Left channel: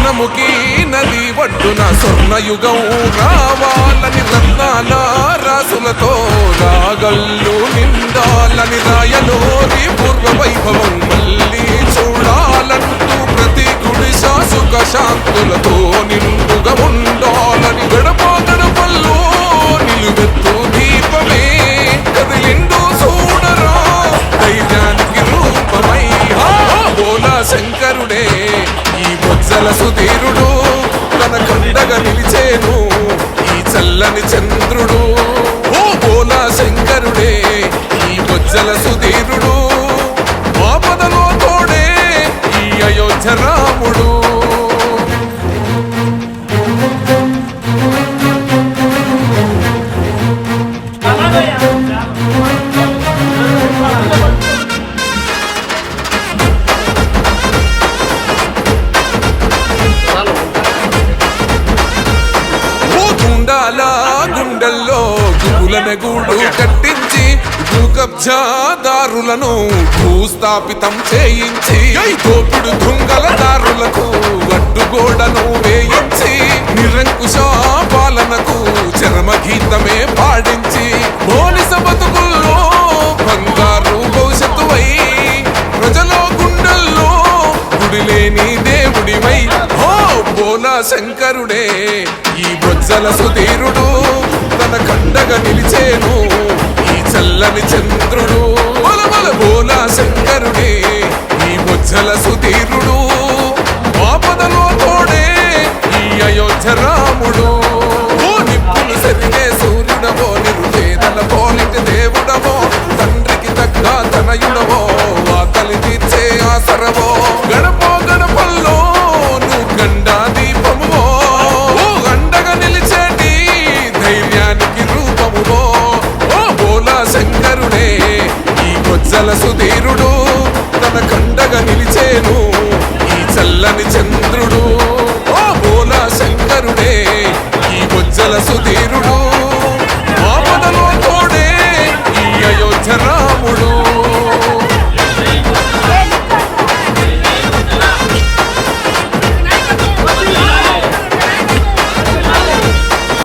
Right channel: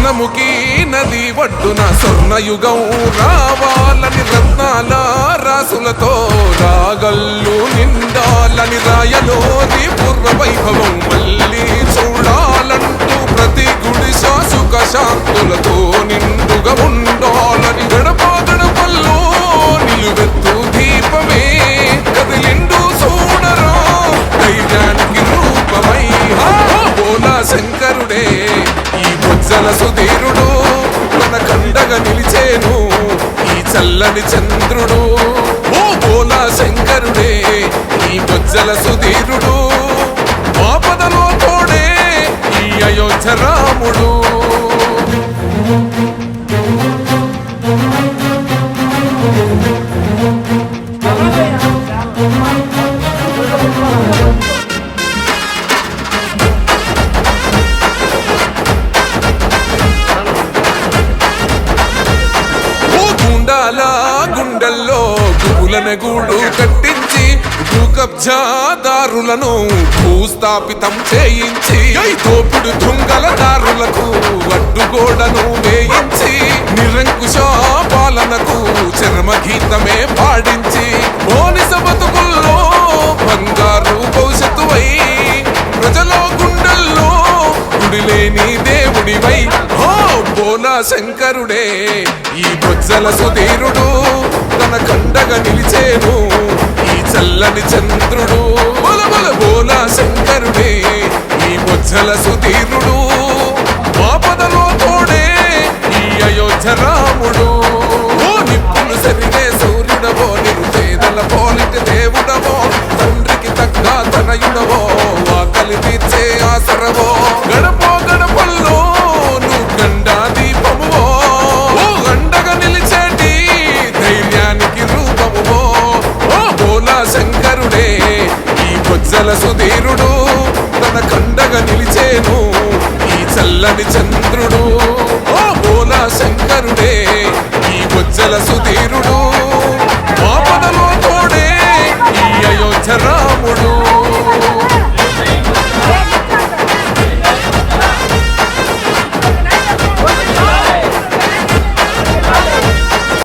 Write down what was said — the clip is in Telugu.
స్వర్ణముఖి నది ఒడ్డున స్వర్ణయుగం రావాలని రత్నాల రాసులతో రాగల్లు నిండాలని రాయలోరి పూర్వ వైభవం మళ్ళీ చూడాలంటూ ప్రతి గుడి శాసుక శాంతులతో నిండుగా ఉండాలని గడప గడపల్లో నిలువెత్తు దీపమే కదిలిండు చూడరా ధైర్యానికి రూపమై హా! శంకరుడే ఈ బొజ్జల సుధీరుడు తన కండగా నిలిచేను ఈ చల్లని చంద్రుడు. ఓ బోలా శంకరుడే ఈ బొజ్జల సుధీరుడు ఆపదలో తోడే ఈ అయోధ్య రాముడు. గుండాల గుండెల్లో గుబులన గూడు కట్టించి భూ కబ్జాదారులను భూస్థాపితం చేయించి ఐ దోపిడు దొంగల దారులకు అడ్డుగోడను వేయించి నిరంకుశ పాలనకు చర్మగీతమే పాడించి బోనిస బతుకుల్లో బంగారు భవిష్యత్తువై ప్రజలో గుండెల్లో గుడిలేని దేవుడివై ఓ బోలా శంకరుడే ఈ బొజ్జల సుధీరుడు తన కండగా నిలిచేను ఈ చల్లని చంద్రుడు బలబల బోలా శంకరుడే. ఈ బొజ్జల సుధీరుడు ఆపదలో తోడే ఈ అయోధ్య రాముడు. ఓ నిప్పులు సరిగే సూర్యుడవో నిరుపేదల పోలిటి దేవుడవో తండ్రికి తగ్గ తనయుడవో ఆకలి తీర్చే ఆసరవో గడపో గడపల్లో నువ్వు గండా దీపమువో ధైర్యానికి రూపమువో. ఓ బోలా శంకరుడే ఈ బొజ్జల సుధీరుడు తన కండగా నిలిచేను ఈ చల్లని చంద్రుడు. ఓ బోలా శంకరుడే ఈ బొజ్జల సుధీరుడు ఆపదలో తోడే ఈ అయోధ్య రాముడు.